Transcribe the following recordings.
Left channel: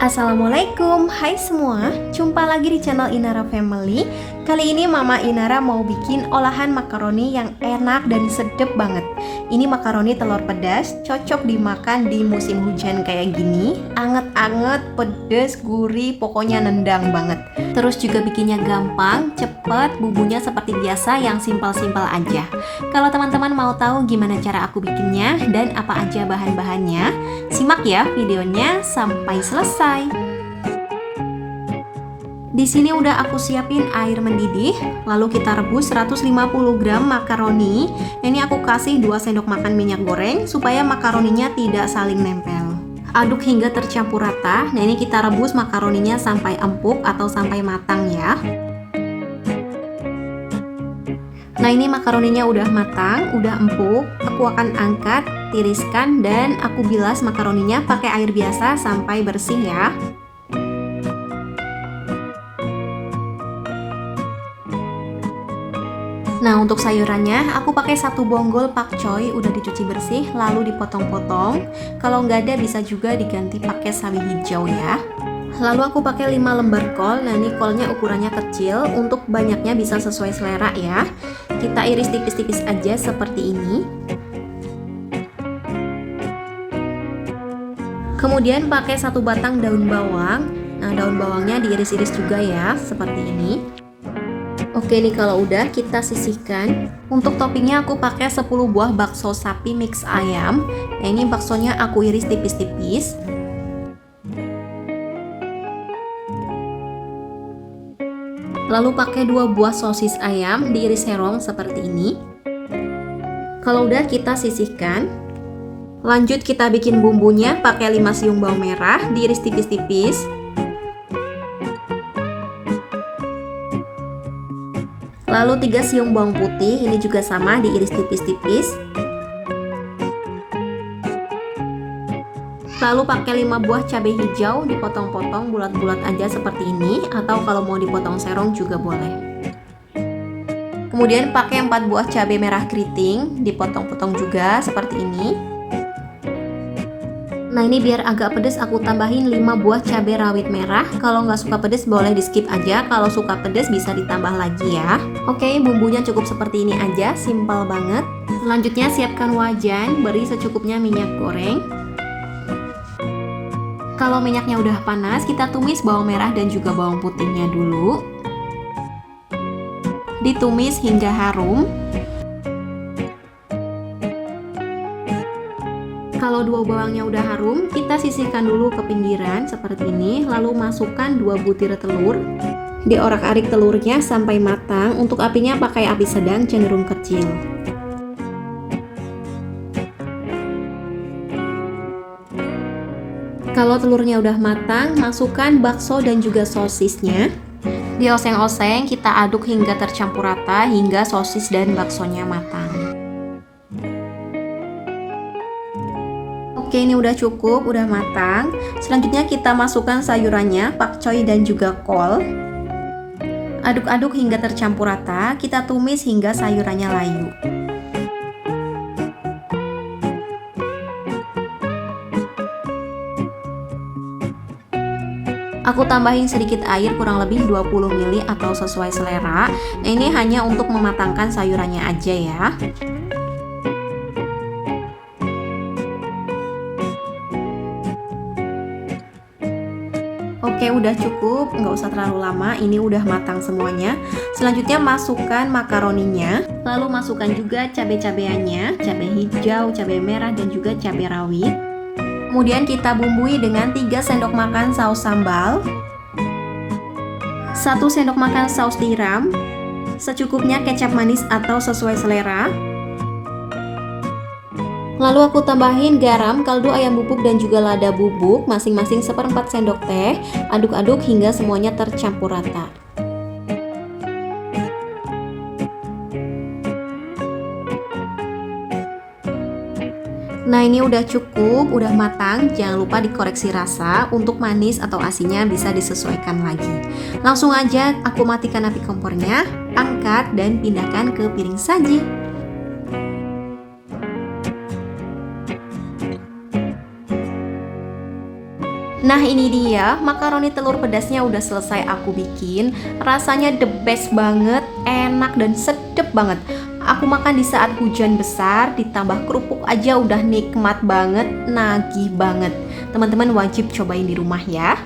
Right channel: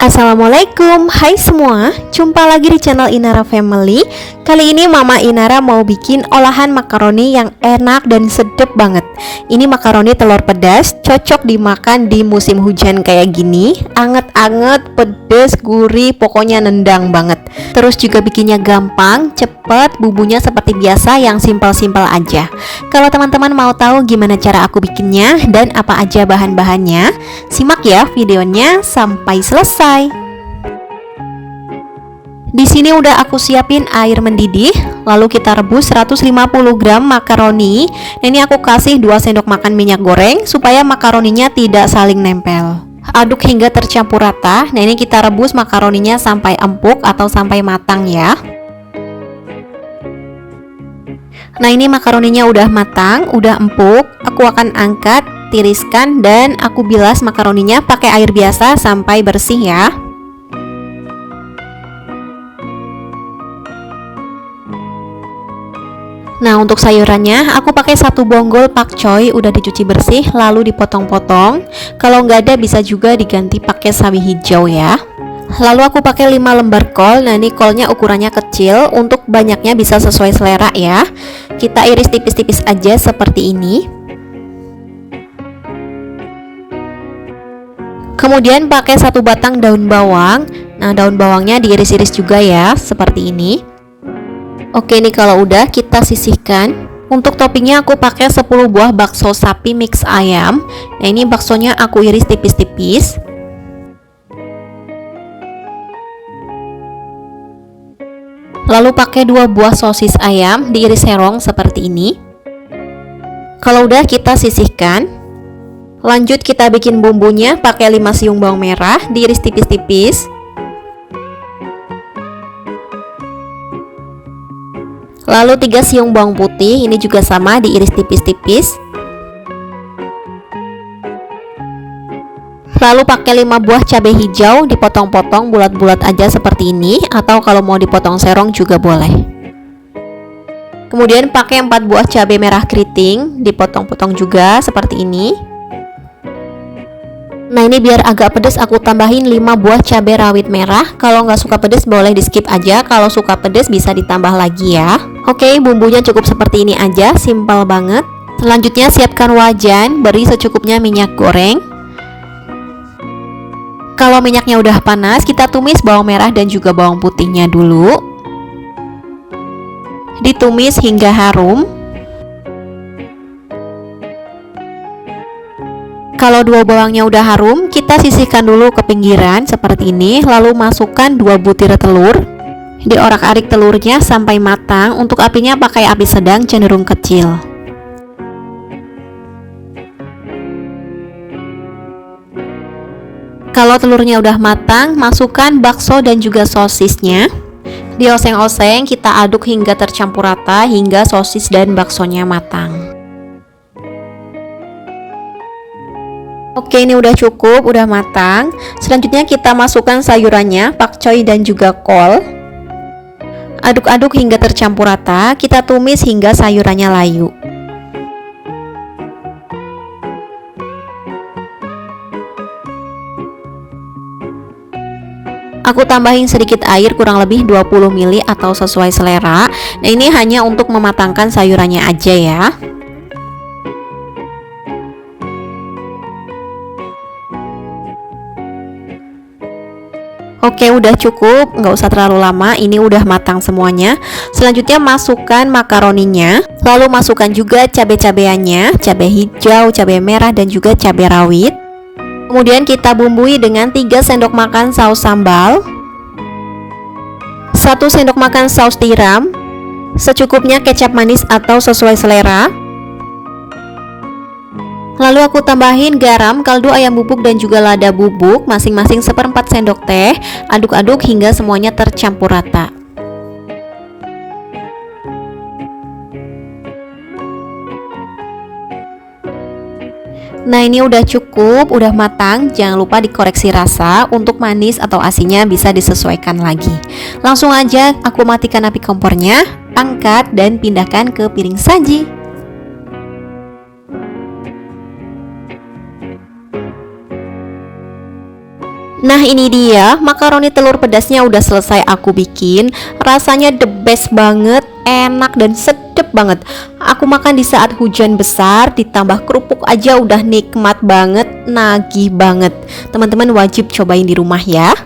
Assalamualaikum, hai semua, jumpa lagi di channel Inara Family. Kali ini Mama Inara mau bikin olahan makaroni yang enak dan sedep banget. Ini makaroni telur pedas, cocok dimakan di musim hujan kayak gini. Anget-anget, pedes, gurih, pokoknya nendang banget. Terus juga bikinnya gampang, cepet, bumbunya seperti biasa yang simpel-simpel aja. Kalau teman-teman mau tahu gimana cara aku bikinnya dan apa aja bahan-bahannya, simak ya videonya sampai selesai. Di sini udah aku siapin air mendidih, lalu kita rebus 150 gram makaroni. Nah, ini aku kasih 2 sendok makan minyak goreng supaya makaroninya tidak saling nempel. Aduk hingga tercampur rata. Nah, ini kita rebus makaroninya sampai empuk atau sampai matang ya. Nah, ini makaroninya udah matang, udah empuk. Aku akan angkat, tiriskan, dan aku bilas makaroninya pakai air biasa sampai bersih ya. Nah, untuk sayurannya aku pakai 1 bonggol pakcoy udah dicuci bersih lalu dipotong-potong. Kalau nggak ada bisa juga diganti pakai sawi hijau ya. Lalu aku pakai 5 lembar kol. Nah, ini kolnya ukurannya kecil, untuk banyaknya bisa sesuai selera ya. Kita iris tipis-tipis aja seperti ini. Kemudian pakai 1 batang daun bawang. Nah, daun bawangnya diiris-iris juga ya, seperti ini. Oke nih, kalau udah kita sisihkan. Untuk toppingnya aku pakai 10 buah bakso sapi mix ayam. Nah, ini baksonya aku iris tipis-tipis. Lalu pakai 2 buah sosis ayam diiris serong seperti ini. Kalau udah kita sisihkan. Lanjut kita bikin bumbunya, pakai 5 siung bawang merah diiris tipis-tipis. Lalu 3 siung bawang putih, ini juga sama diiris tipis-tipis. Lalu pakai 5 buah cabai hijau dipotong-potong bulat-bulat aja seperti ini, atau kalau mau dipotong serong juga boleh. Kemudian pakai 4 buah cabai merah keriting dipotong-potong juga seperti ini. Nah, ini biar agak pedas aku tambahin 5 buah cabai rawit merah. Kalau nggak suka pedas boleh di skip aja, kalau suka pedas bisa ditambah lagi ya. Oke, bumbunya cukup seperti ini aja, simpel banget. Selanjutnya siapkan wajan, beri secukupnya minyak goreng. Kalau minyaknya udah panas, kita tumis bawang merah dan juga bawang putihnya dulu. Ditumis hingga harum. Kalau 2 bawangnya udah harum, kita sisihkan dulu ke pinggiran seperti ini. Lalu masukkan 2 butir telur. Diorak-arik telurnya sampai matang. Untuk apinya pakai api sedang cenderung kecil. Kalau telurnya udah matang, masukkan bakso dan juga sosisnya. Dioseng-oseng, kita aduk hingga tercampur rata hingga sosis dan baksonya matang. Oke, ini udah cukup, udah matang. Selanjutnya kita masukkan sayurannya, pakcoy dan juga kol. Aduk-aduk hingga tercampur rata, kita tumis hingga sayurannya layu. Aku tambahin sedikit air, kurang lebih 20 ml atau sesuai selera. Nah, ini hanya untuk mematangkan sayurannya aja ya. Oke, udah cukup, nggak usah terlalu lama, ini udah matang semuanya. Selanjutnya masukkan makaroninya, lalu masukkan juga cabai-cabeannya, cabai hijau, cabai merah, dan juga cabai rawit. Kemudian kita bumbui dengan 3 sendok makan saus sambal, 1 sendok makan saus tiram, secukupnya kecap manis atau sesuai selera. Lalu aku tambahin garam, kaldu ayam bubuk dan juga lada bubuk masing-masing 1/4 sendok teh. Aduk-aduk hingga semuanya tercampur rata. Nah, ini udah cukup, udah matang. Jangan lupa dikoreksi rasa, untuk manis atau asinnya bisa disesuaikan lagi. Langsung aja aku matikan api kompornya, angkat dan pindahkan ke piring saji. Nah ini dia makaroni telur pedasnya udah selesai aku bikin. Rasanya the best banget, enak dan sedep banget. Aku makan di saat hujan besar, ditambah kerupuk aja udah nikmat banget, nagih banget. Teman-teman wajib cobain di rumah ya.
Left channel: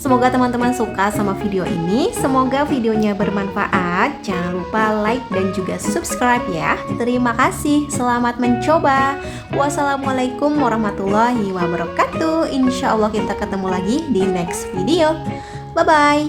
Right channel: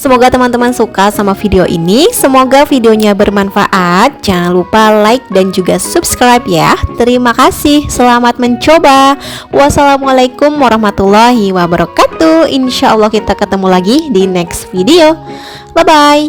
Semoga teman-teman suka sama video ini. Semoga videonya bermanfaat. Jangan lupa like dan juga subscribe ya. Terima kasih. Selamat mencoba. Wassalamualaikum warahmatullahi wabarakatuh. Insya Allah kita ketemu lagi di next video. Bye bye.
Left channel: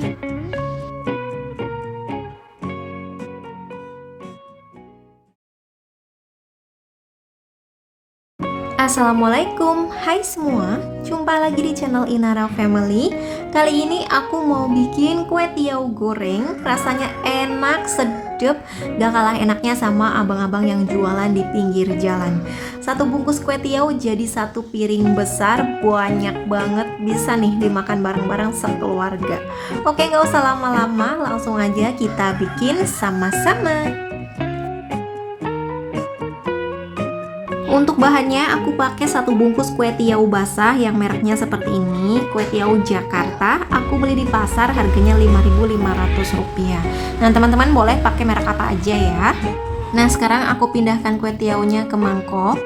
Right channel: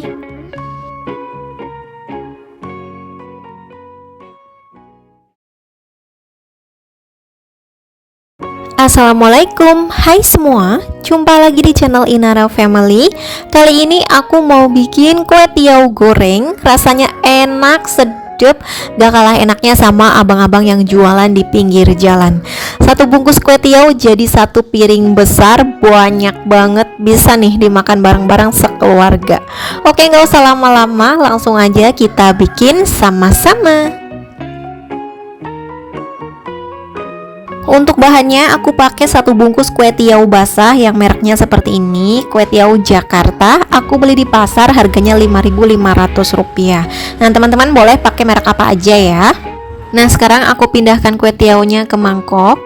Assalamualaikum, hai semua, jumpa lagi di channel Inara Family. Kali ini aku mau bikin kue tiaw goreng. Rasanya enak, sedap, gak kalah enaknya sama abang-abang yang jualan di pinggir jalan. Satu bungkus kue tiaw jadi satu piring besar, banyak banget, bisa nih dimakan bareng-bareng sekeluarga. Oke, gak usah lama-lama, langsung aja kita bikin sama-sama. Untuk bahannya aku pakai satu bungkus kue tiaw basah yang mereknya seperti ini, kue tiaw Jakarta. Aku beli di pasar, harganya Rp5.500. Nah teman-teman boleh pakai merek apa aja ya. Nah sekarang aku pindahkan kue tiawnya ke mangkok.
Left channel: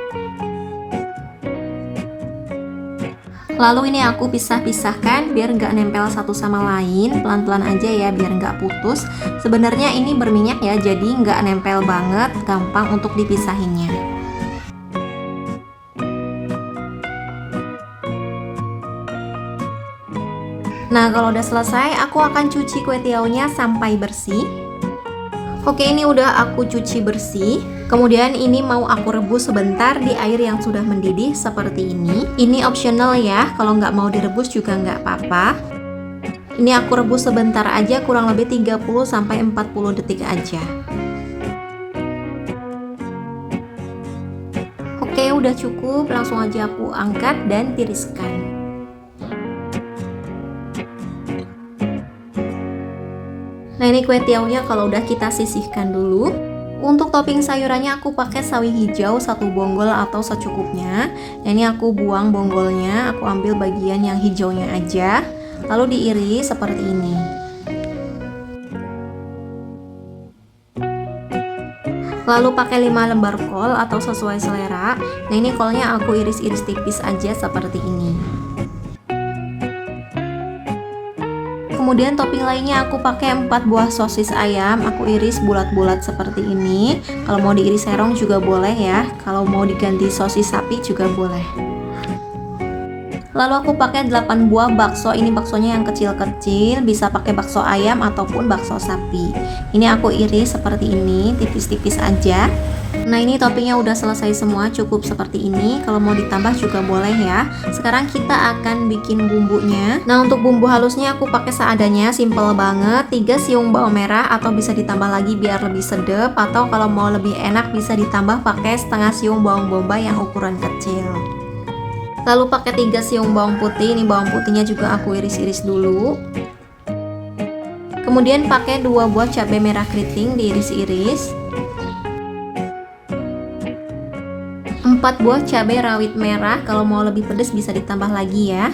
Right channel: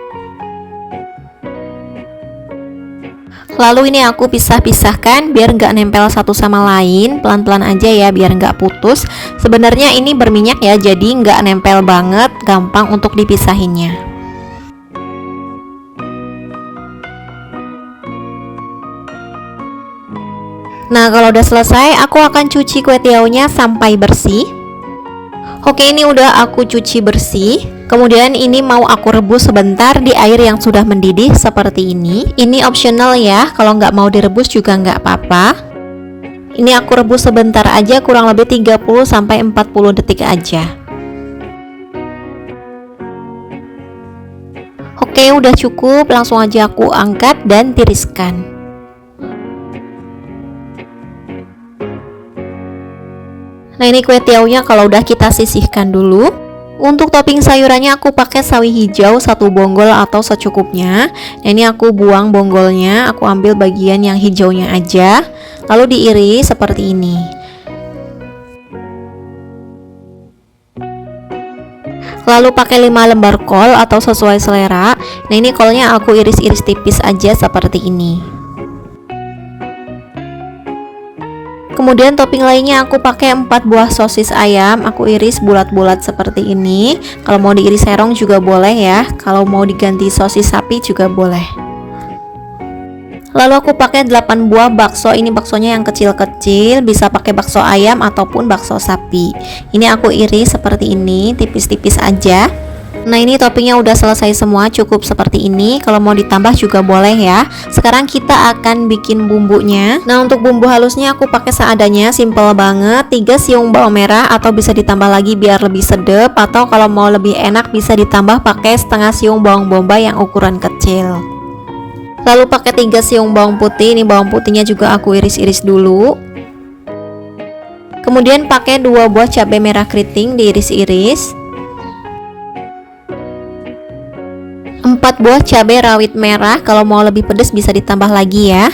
Lalu ini aku pisah-pisahkan biar nggak nempel satu sama lain, pelan-pelan aja ya biar nggak putus. Sebenarnya ini berminyak ya, jadi nggak nempel banget, gampang untuk dipisahinnya. Nah kalau udah selesai aku akan cuci kue tiawnya sampai bersih. Oke ini udah aku cuci bersih. Kemudian ini mau aku rebus sebentar di air yang sudah mendidih seperti ini. Ini optional ya, kalau nggak mau direbus juga nggak apa-apa. Ini aku rebus sebentar aja, kurang lebih 30-40 detik aja. Oke udah cukup, langsung aja aku angkat dan tiriskan. Nah ini kue tiawnya kalau udah kita sisihkan dulu. Untuk topping sayurannya aku pakai sawi hijau satu bonggol atau secukupnya. Nah ini aku buang bonggolnya, aku ambil bagian yang hijaunya aja, lalu diiris seperti ini. Lalu pakai 5 lembar kol atau sesuai selera. Nah ini kolnya aku iris-iris tipis aja seperti ini. Kemudian topping lainnya aku pakai 4 buah sosis ayam, aku iris bulat-bulat seperti ini. Kalau mau diiris serong juga boleh ya, kalau mau diganti sosis sapi juga boleh. Lalu aku pakai 8 buah bakso, ini baksonya yang kecil-kecil, bisa pakai bakso ayam ataupun bakso sapi. Ini aku iris seperti ini, tipis-tipis aja. Nah ini toppingnya udah selesai semua, cukup seperti ini. Kalau mau ditambah juga boleh ya. Sekarang kita akan bikin bumbunya. Nah untuk bumbu halusnya aku pakai seadanya, simple banget. 3 siung bawang merah atau bisa ditambah lagi biar lebih sedap. Atau kalau mau lebih enak bisa ditambah pakai setengah siung bawang bombay yang ukuran kecil. Lalu pakai 3 siung bawang putih. Ini bawang putihnya juga aku iris-iris dulu. Kemudian pakai 2 buah cabai merah keriting diiris-iris. 4 buah cabai rawit merah, kalau mau lebih pedas bisa ditambah lagi ya.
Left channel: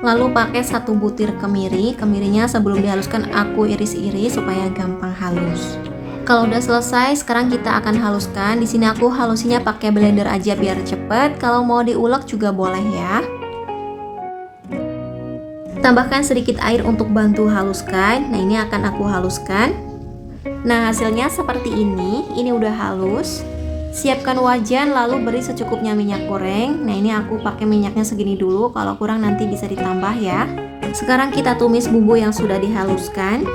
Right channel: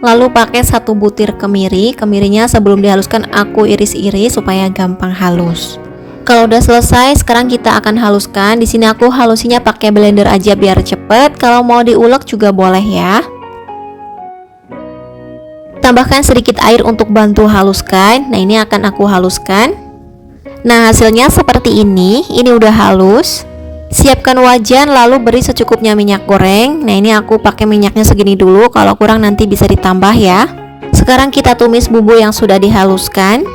Lalu pakai 1 butir kemiri. Kemirinya sebelum dihaluskan aku iris-iris supaya gampang halus. Kalau udah selesai, sekarang kita akan haluskan. Di sini aku halusinya pakai blender aja biar cepet. Kalau mau diulek juga boleh ya. Tambahkan sedikit air untuk bantu haluskan. Nah ini akan aku haluskan. Nah hasilnya seperti ini. Ini udah halus. Siapkan wajan lalu beri secukupnya minyak goreng. Nah ini aku pakai minyaknya segini dulu, kalau kurang nanti bisa ditambah ya. Sekarang kita tumis bumbu yang sudah dihaluskan.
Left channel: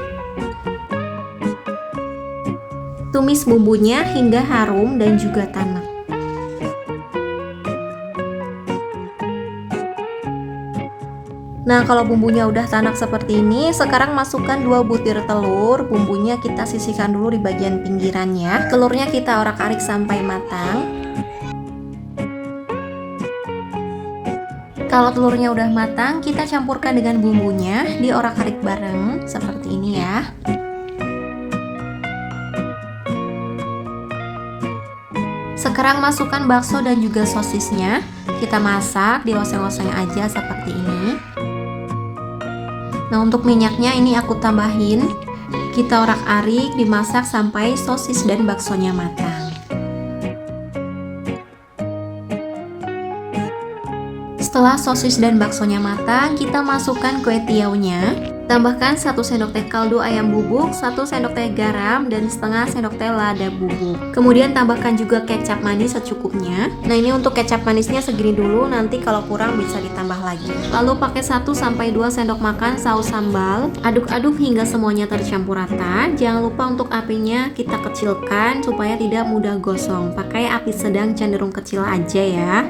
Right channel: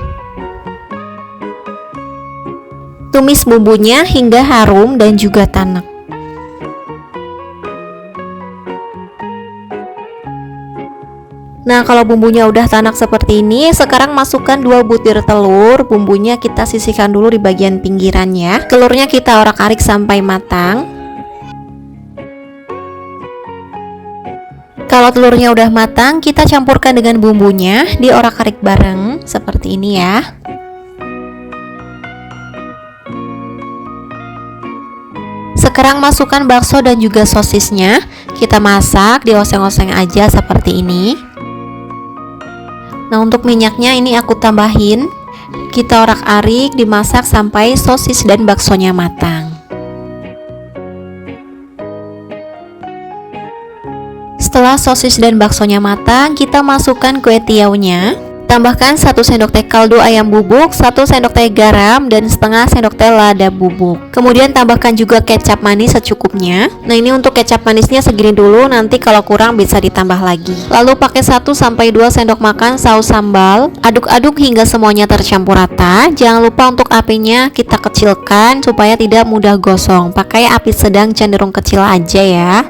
Tumis bumbunya hingga harum dan juga tanak. Nah kalau bumbunya udah tanak seperti ini, sekarang masukkan 2 butir telur. Bumbunya kita sisihkan dulu di bagian pinggirannya. Telurnya kita orak-arik sampai matang. Kalau telurnya udah matang, kita campurkan dengan bumbunya, diorak-arik bareng seperti ini ya. Sekarang masukkan bakso dan juga sosisnya. Kita masak, dioseng-oseng aja seperti ini. Nah, untuk minyaknya ini aku tambahin. Kita orak-arik, dimasak sampai sosis dan baksonya matang. Setelah sosis dan baksonya matang, kita masukkan kue tiaunya. Tambahkan 1 sendok teh kaldu ayam bubuk, 1 sendok teh garam, dan setengah sendok teh lada bubuk. Kemudian tambahkan juga kecap manis secukupnya. Nah, ini untuk kecap manisnya segini dulu, nanti kalau kurang bisa ditambah lagi. Lalu pakai 1-2 sendok makan saus sambal. Aduk-aduk hingga semuanya tercampur rata. Jangan lupa untuk apinya kita kecilkan supaya tidak mudah gosong. Pakai api sedang cenderung kecil aja ya.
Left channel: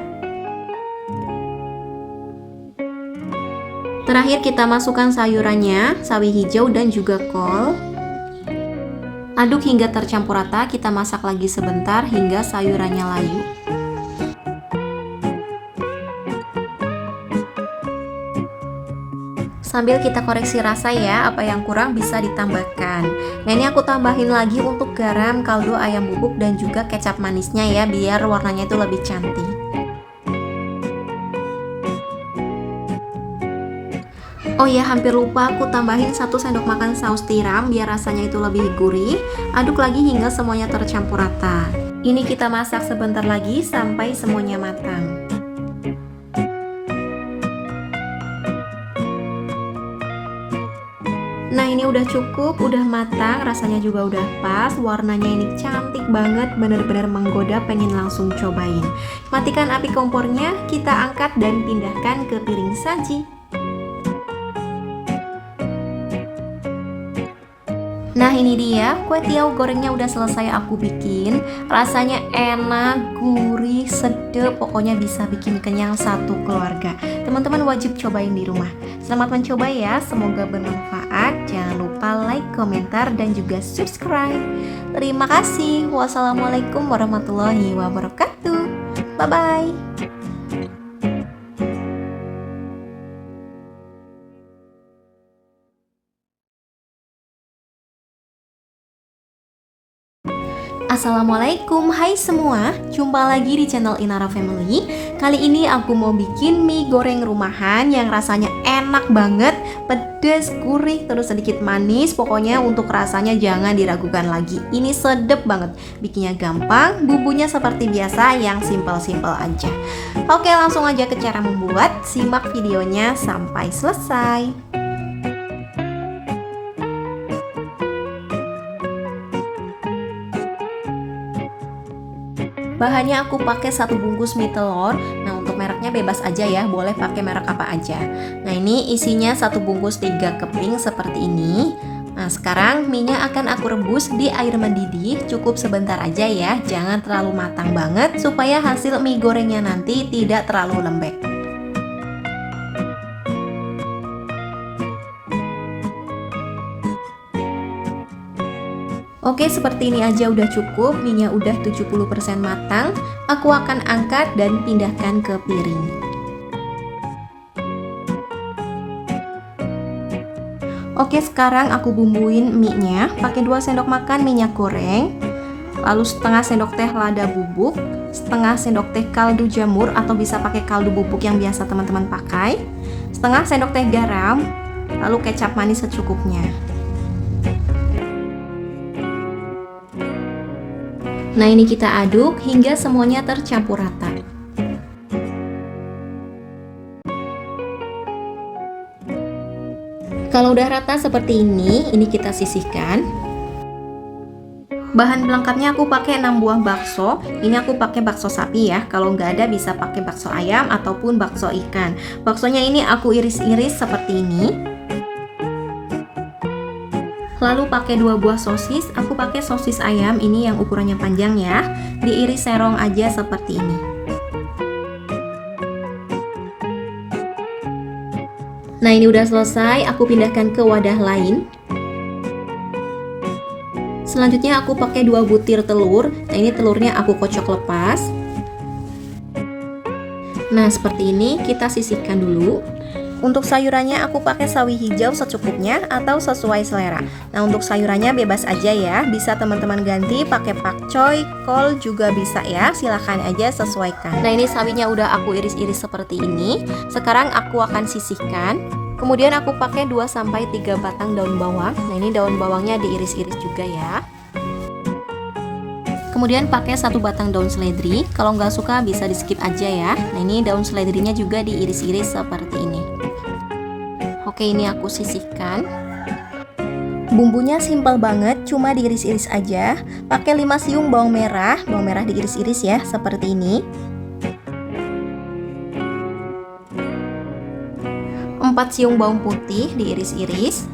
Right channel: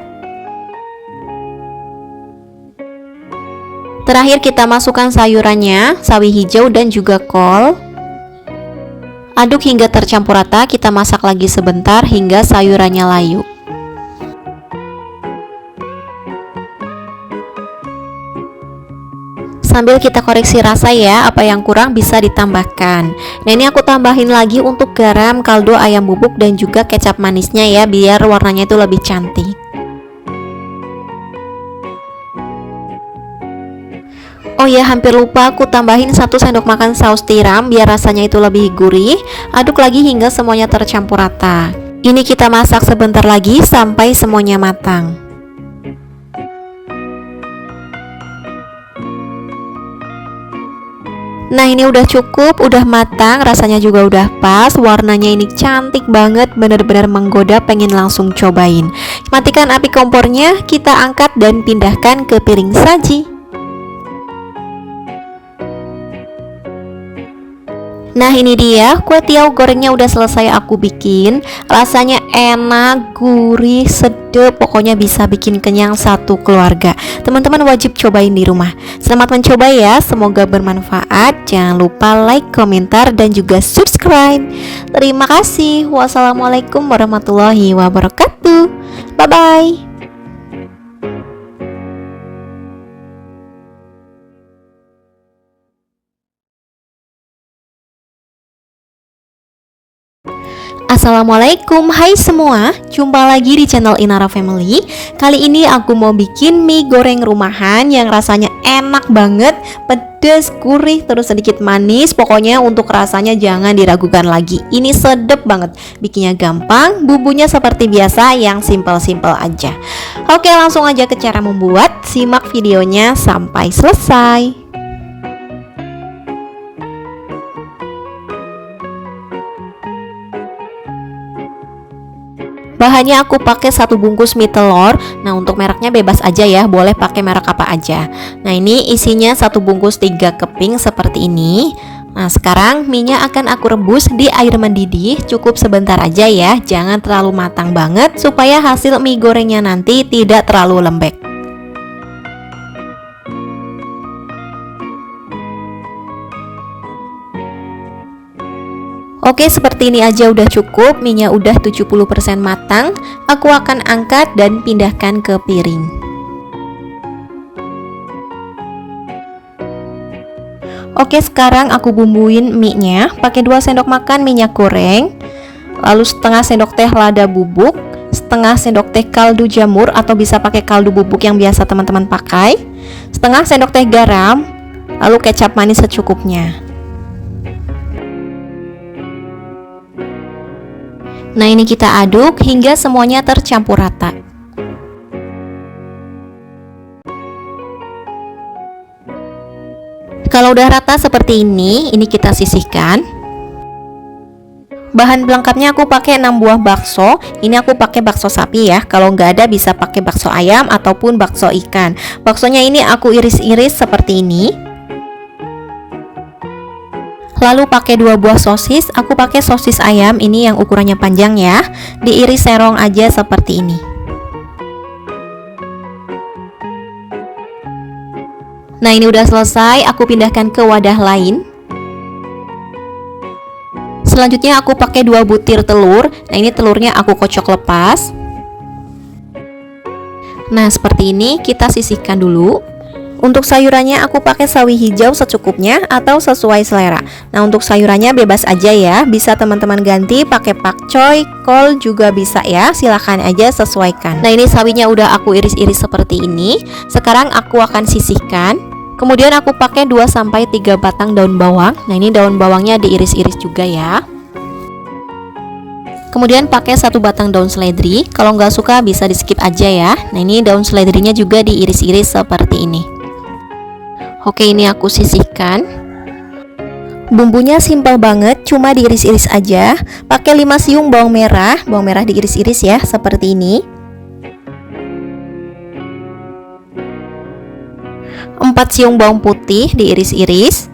Terakhir kita masukkan sayurannya, sawi hijau dan juga kol. Aduk hingga tercampur rata, kita masak lagi sebentar hingga sayurannya layu. Sambil kita koreksi rasa ya, apa yang kurang bisa ditambahkan. Nah, ini aku tambahin lagi untuk garam, kaldu ayam bubuk dan juga kecap manisnya ya, biar warnanya itu lebih cantik. Oh ya, hampir lupa aku tambahin 1 sendok makan saus tiram biar rasanya itu lebih gurih. Aduk lagi hingga semuanya tercampur rata. Ini kita masak sebentar lagi sampai semuanya matang. Nah, ini udah cukup, udah matang, rasanya juga udah pas, warnanya ini cantik banget, bener-bener menggoda, pengen langsung cobain. Matikan api kompornya, kita angkat dan pindahkan ke piring saji. Nah, ini dia kue tiaw gorengnya udah selesai aku bikin. Rasanya enak, gurih, sedap, pokoknya bisa bikin kenyang satu keluarga. Teman-teman wajib cobain di rumah. Selamat mencoba ya, semoga bermanfaat. Jangan lupa like, komentar, dan juga subscribe. Terima kasih. Wassalamualaikum warahmatullahi wabarakatuh. Bye-bye. Assalamualaikum, hai semua, jumpa lagi di channel Inara Family. Kali ini aku mau bikin mie goreng rumahan yang rasanya enak banget, pedas, gurih, terus sedikit manis. Pokoknya untuk rasanya jangan diragukan lagi, ini sedep banget. Bikinnya gampang, bumbunya seperti biasa yang simple-simple aja. Oke, langsung aja ke cara membuat, simak videonya sampai selesai. Bahannya aku pakai 1 bungkus mie telur. Nah, untuk mereknya bebas aja ya, boleh pakai merek apa aja. Nah, ini isinya 1 bungkus 3 keping seperti ini. Nah, sekarang mie-nya akan aku rebus di air mendidih, cukup sebentar aja ya, jangan terlalu matang banget supaya hasil mie gorengnya nanti tidak terlalu lembek. Oke, seperti ini aja udah cukup, mie-nya udah 70% matang. Aku akan angkat dan pindahkan ke piring. Oke, sekarang aku bumbuin mie-nya. Pakai 2 sendok makan minyak goreng, lalu setengah sendok teh lada bubuk, setengah sendok teh kaldu jamur atau bisa pakai kaldu bubuk yang biasa teman-teman pakai, setengah sendok teh garam, lalu kecap manis secukupnya. Nah, ini kita aduk hingga semuanya tercampur rata. Kalau udah rata seperti ini kita sisihkan. Bahan pelengkapnya aku pakai 6 buah bakso. Ini aku pakai bakso sapi ya. Kalau nggak ada bisa pakai bakso ayam ataupun bakso ikan. Baksonya ini aku iris-iris seperti ini. Lalu pakai 2 buah sosis, aku pakai sosis ayam ini yang ukurannya panjang ya. Diiris serong aja seperti ini. Nah, ini udah selesai, aku pindahkan ke wadah lain. Selanjutnya aku pakai 2 butir telur. Nah, ini telurnya aku kocok lepas. Nah, seperti ini kita sisihkan dulu. Untuk sayurannya aku pakai sawi hijau secukupnya atau sesuai selera. Nah, untuk sayurannya bebas aja ya, bisa teman-teman ganti pakai pakcoy, kol juga bisa ya, silahkan aja sesuaikan. Nah, ini sawinya udah aku iris-iris seperti ini. Sekarang aku akan sisihkan. Kemudian aku pakai 2-3 batang daun bawang. Nah, ini daun bawangnya diiris-iris juga ya. Kemudian pakai 1 batang daun seledri. Kalau nggak suka bisa di skip aja ya. Nah, ini daun seledrinya juga diiris-iris seperti ini. Oke, ini aku sisihkan. Bumbunya simpel banget, cuma diiris-iris aja. Pakai 5 siung bawang merah diiris-iris ya, seperti ini. 4 siung bawang putih diiris-iris.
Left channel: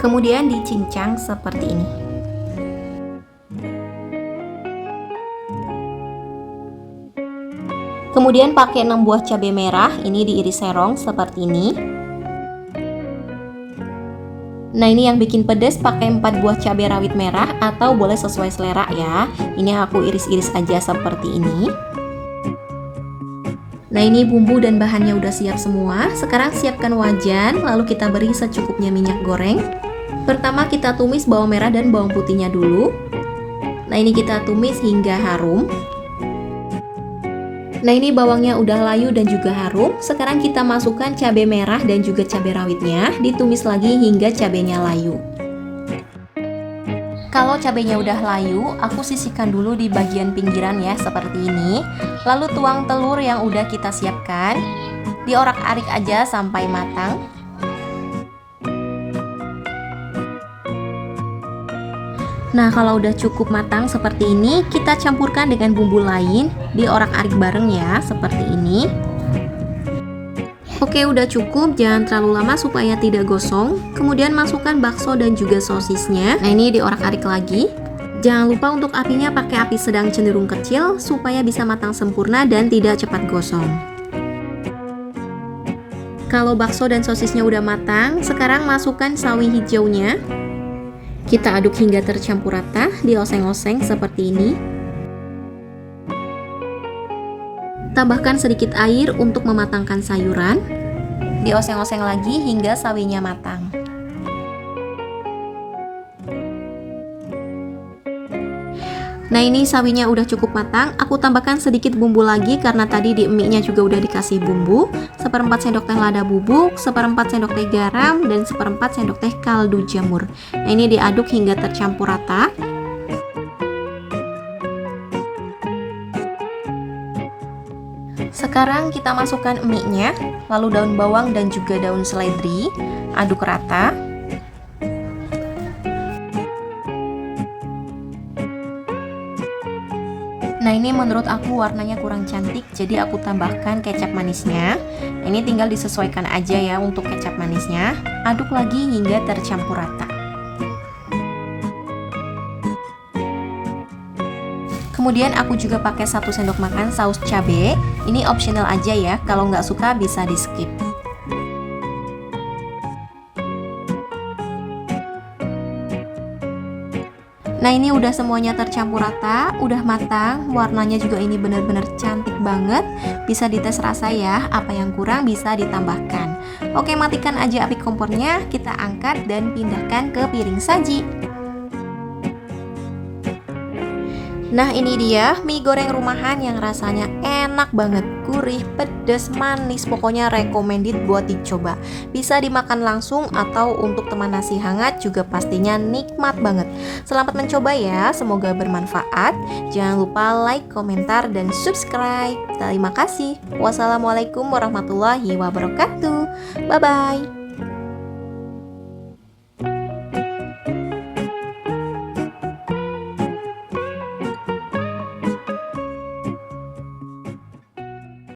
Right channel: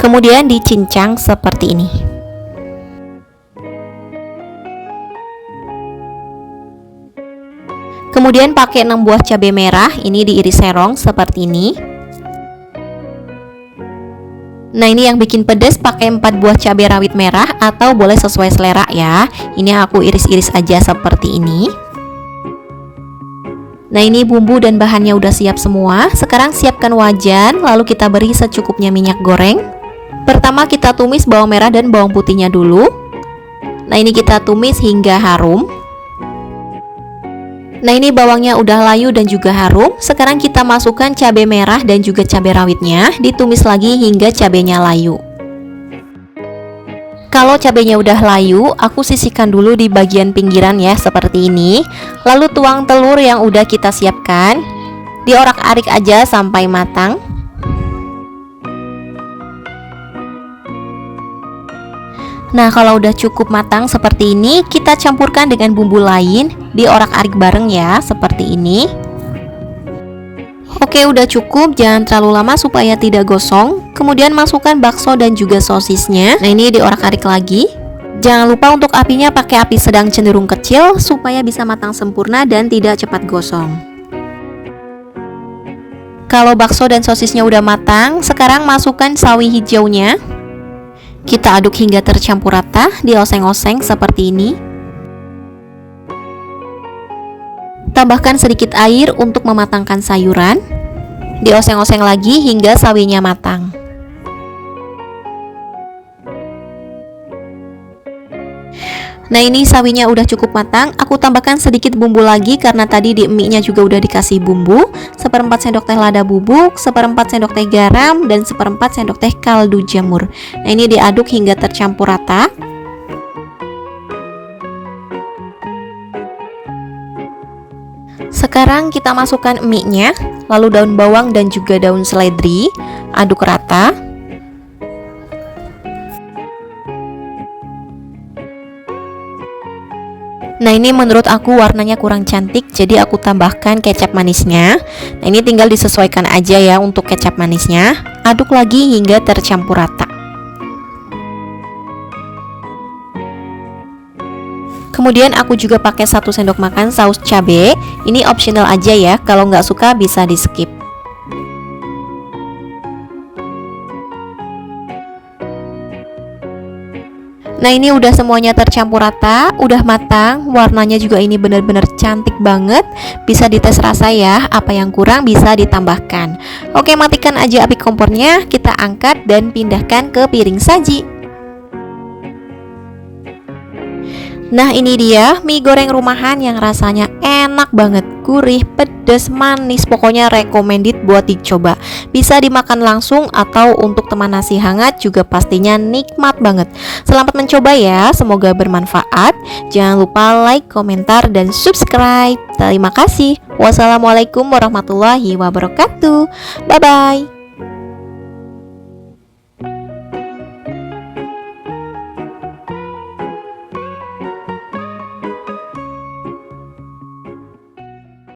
Kemudian dicincang seperti ini. Kemudian pakai 6 buah cabai merah, ini diiris serong seperti ini. Nah, ini yang bikin pedas pakai 4 buah cabai rawit merah atau boleh sesuai selera ya. Ini aku iris-iris aja seperti ini. Nah, ini bumbu dan bahannya udah siap semua. Sekarang siapkan wajan, lalu kita beri secukupnya minyak goreng. Pertama kita tumis bawang merah dan bawang putihnya dulu. Nah, ini kita tumis hingga harum. Nah, ini bawangnya udah layu dan juga harum. Sekarang kita masukkan cabai merah dan juga cabai rawitnya, ditumis lagi hingga cabainya layu. Kalau cabainya udah layu, aku sisihkan dulu di bagian pinggiran ya, seperti ini. Lalu tuang telur yang udah kita siapkan, diorak-arik aja sampai matang. Nah, kalau udah cukup matang seperti ini, kita campurkan dengan bumbu lain, diorak-arik bareng ya, seperti ini. Oke, udah cukup, jangan terlalu lama supaya tidak gosong. Kemudian masukkan bakso dan juga sosisnya. Nah, ini diorak-arik lagi. Jangan lupa untuk apinya pakai api sedang cenderung kecil supaya bisa matang sempurna dan tidak cepat gosong. Kalau bakso dan sosisnya udah matang, sekarang masukkan sawi hijaunya. Kita aduk hingga tercampur rata, dioseng-oseng seperti ini. Tambahkan sedikit air untuk mematangkan sayuran. Dioseng-oseng lagi hingga sawinya matang. Nah, ini sawinya udah cukup matang. Aku tambahkan sedikit bumbu lagi karena tadi di mie-nya juga udah dikasih bumbu. 1/4 sendok teh lada bubuk, 1/4 sendok teh garam, dan 1/4 sendok teh kaldu jamur. Nah, ini diaduk hingga tercampur rata. Sekarang kita masukkan mie-nya, lalu daun bawang dan juga daun seledri. Aduk rata. Nah, ini menurut aku warnanya kurang cantik, jadi aku tambahkan kecap manisnya. Nah, ini tinggal disesuaikan aja ya untuk kecap manisnya. Aduk lagi hingga tercampur rata. Kemudian aku juga pakai 1 sendok makan saus cabai. Ini optional aja ya, kalau nggak suka bisa di skip. Nah, ini udah semuanya tercampur rata, udah matang, warnanya juga ini bener-bener cantik banget. Bisa dites rasa ya, apa yang kurang bisa ditambahkan. Oke, matikan aja api kompornya, kita angkat dan pindahkan ke piring saji. Nah, ini dia mie goreng rumahan yang rasanya enak banget, gurih, pedas, manis, pokoknya recommended buat dicoba. Bisa dimakan langsung atau untuk teman nasi hangat juga pastinya nikmat banget. Selamat mencoba ya, semoga bermanfaat. Jangan lupa like, komentar, dan subscribe. Terima kasih. Wassalamualaikum warahmatullahi wabarakatuh. Bye-bye.